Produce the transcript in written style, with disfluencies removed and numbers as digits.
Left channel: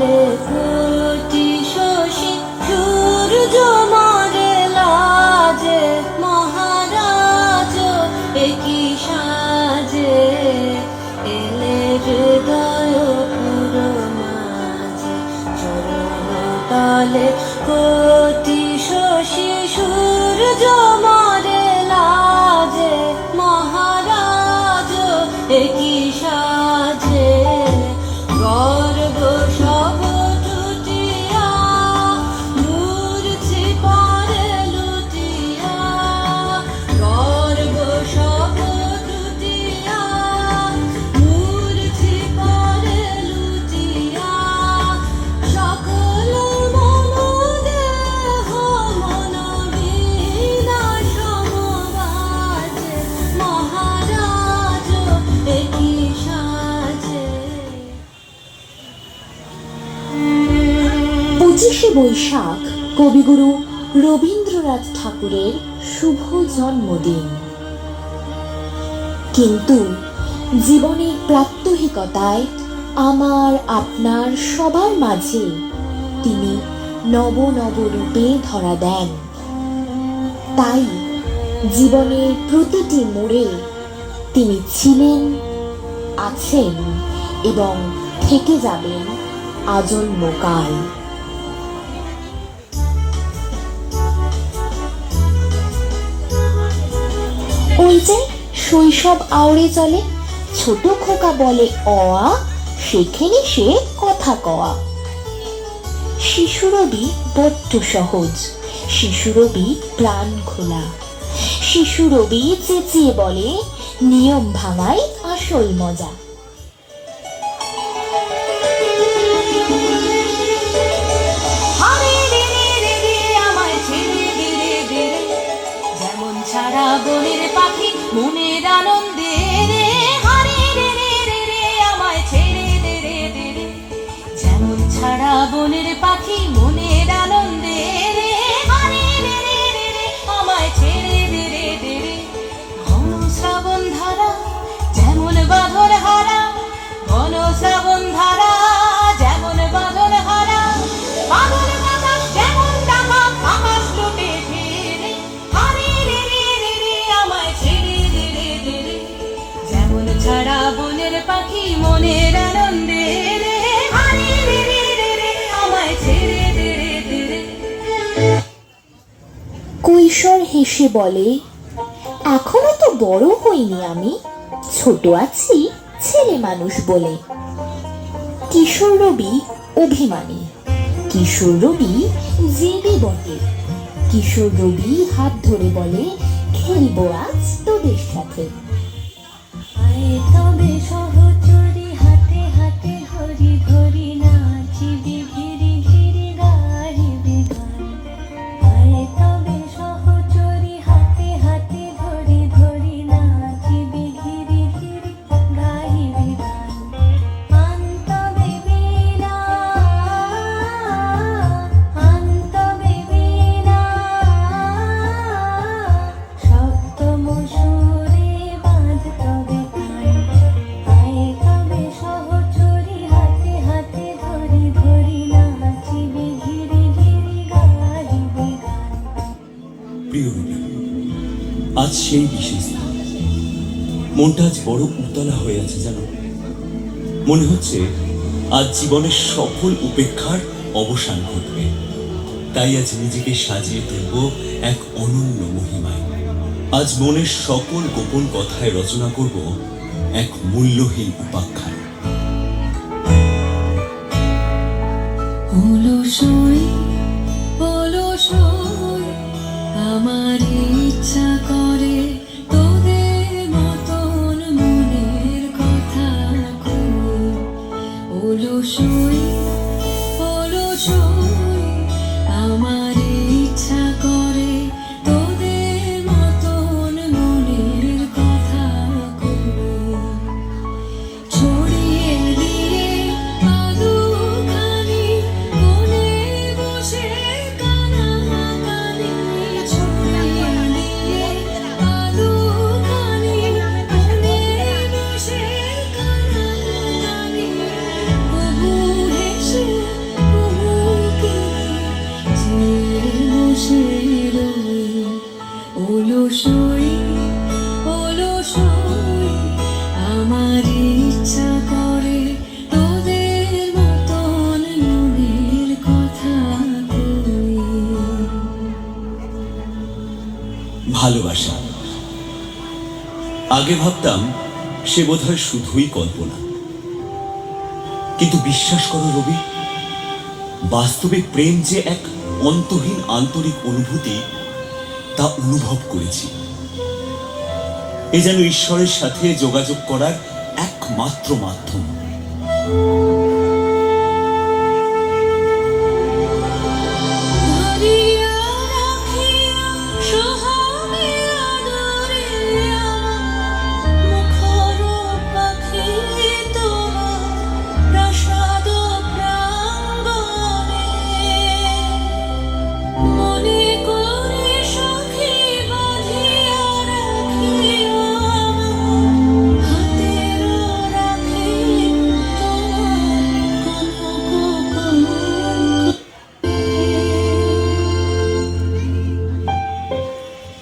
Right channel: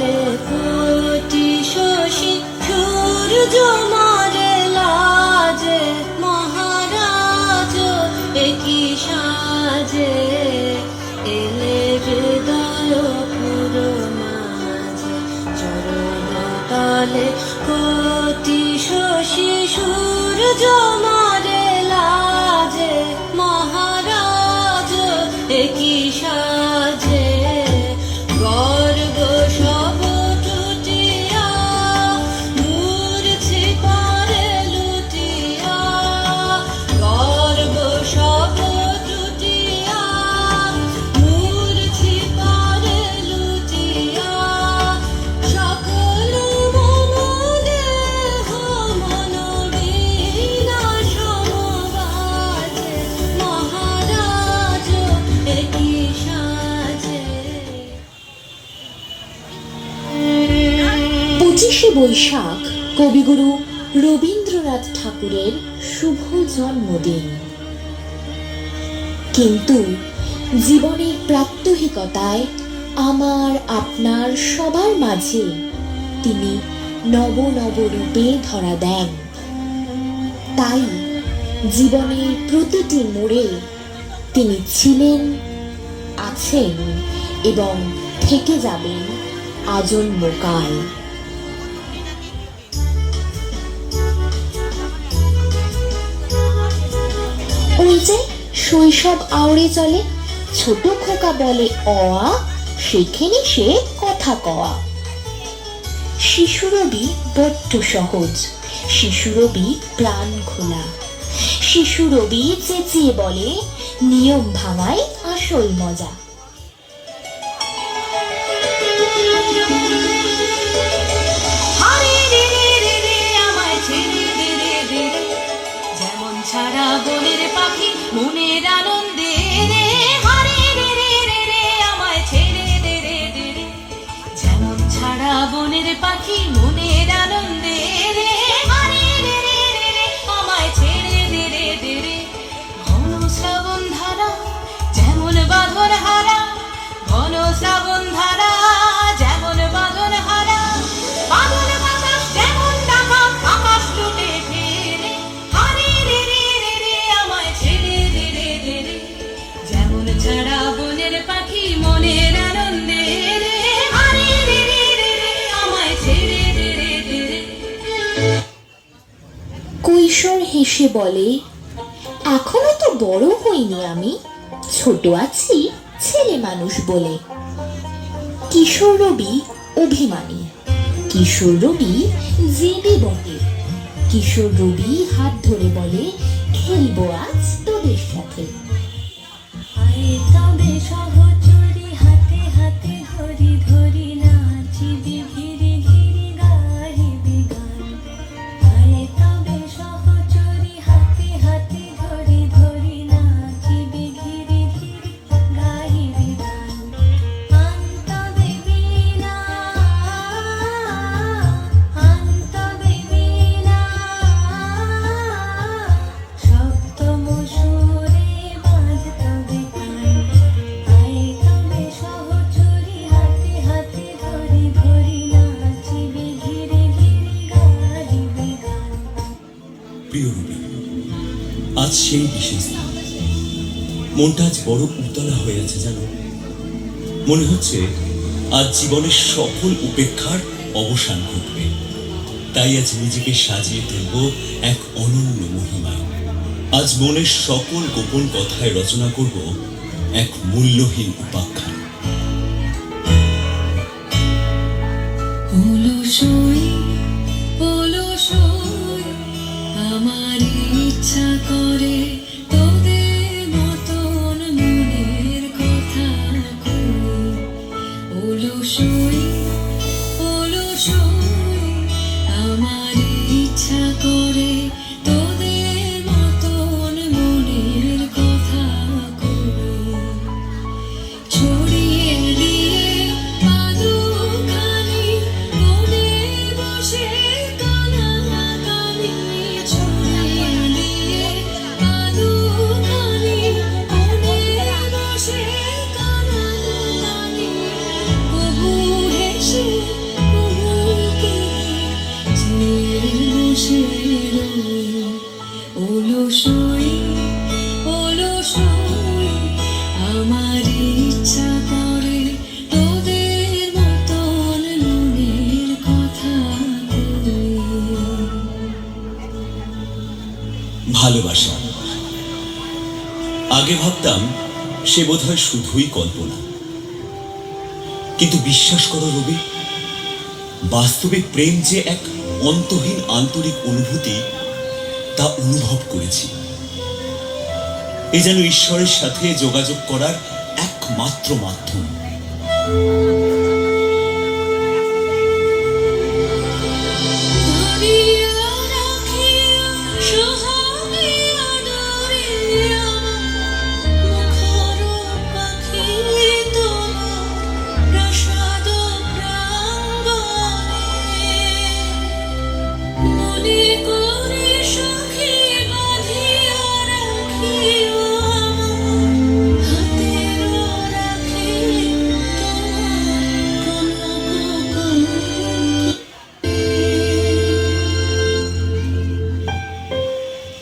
এলে কোটি শশী সূর্য মারে লাজে মহারাজ একই সাজে এলে হৃদয় পুরো মাঝে চরণ তালে কোটি শশী সূর্য মারে লাজে মহারাজ একই সাজে গর্ব সব টুটিয়া মূর্ছি পরে লুটিয়া গর্ব সব টুটিয়া মূর্ছি পরে লুটিয়া সকল মন দেহ মন বীণা সমবাজে মহারাজ একই সাজে। 25শে বৈশাখ কবিগুরু রবীন্দ্রনাথ ঠাকুরের শুভ জন্মদিন। কিন্তু জীবনের প্রাত্যহিকতায় আমার আপনার সবার মাঝে তিনি নব নব রূপে ধরা দেন। তাই জীবনের প্রতিটি মোড়ে তিনি ছিলেন, আছেন এবং থেকে যাবেন আজন্মকাল। ওই যে শৈশব আওড়ে চলে, ছোট খোকা বলে অয়া, সেখানে সে কথা কওয়া। শিশুরবি বড্ড সহজ, শিশুরবি প্রাণ খোলা, শিশুরবি চেঁচিয়ে বলে নিয়ম ভাঙাই আসল মজা। যেমন ছাড়া বনের পাখি মনের আনন্দে রে হারে রে রে রে রে আমায় ছেড়ে দে রে দে রে যেমন ছাড়া বনের পাখি মনের আনন্দে রে হারে রে রে রে রে আমায় ছেড়ে দে রে দে রে ঘন শ্রাবণ ধারা যেমন বাঁধন হারা ঘন শ্রাবণ ধারা যেমন বাঁধন হারা বাঁধন বাতাস যেমন ডাকা আকাশ লুটে ফেরে হারে রে রে রে রে আমায় ছেড়ে দে রে দে রে যেমন ছাড়া বনের পাখি মনের আনন্দে রে হারে রে রে রে রে আমায় ছেড়ে দে রে দে রে। কৈশোর হেসে বলে এখনো তো বড় হইনি আমি, ছোট আছি ছেলে মানুষ বলে। কিশোর রবি অভিমানী, কিশোর রবি জেদি বটে। কিশোর রবি হাত ধরে বলে খেলবো আজ তোদের সাথে। আয় তবে সহচরী হাতে হাতে ধরি ধরি নাচিবি ঘিরি ঘিরি গাহিবি গান। আয় তবে সহচরী হাতে হাতে ধরি ধরি নাচিবি ঘিরি ঘিরি গাহিবি গান। আনতবে বীণা আনতবে বীণা সপ্তম সুরে বাঁধতবে কান। আয় তবে সহচরী হাতে হাতে ধরি ধরি নাচিবি ঘিরি ঘিরি গাহিবি গান। প্রিয় রবি, আজ সেই বিশেষ দিন। মনটা আজ বড় উতলা হয়ে আছে জানো। মনে হচ্ছে আজ জীবনের সকল উপেক্ষার অবসান ঘটবে। তাই আজ নিজেকে সাজিয়ে তুলব এক অনন্য মহিমায়। আজ মনের সকল গোপন কথায় রচনা করব এক মূল্যহীন উপাখ্যান। হলো সই আমার ইচ্ছা করে তোদের মতন মনের কথা কই। হলো সই আমার ইচ্ছা করে তোদের মতন মনের কথা কই। ছড়িয়ে দিয়ে আদুখানি কোণে বসে কানাকানি ছড়িয়ে দিয়ে রই অলসই অলসই আমার ইচ্ছা করে তোদের মতন মনের কথা কই। ভালোবাসা আগে ভাবতাম সে বোধহয় শুধুই কল্পনা, কিন্তু বিশ্বাস করো রবি, বাস্তবে প্রেম যে এক অন্তহীন আন্তরিক অনুভূতি তা অনুভব করেছি। এ যেন ঈশ্বরের সাথে যোগাযোগ করার একমাত্র মাধ্যম। ধরিয়া রাখিয়া সোহাগে আদরে মুখর পাখি তোমার প্রাসাদ প্রাঙ্গণে মনে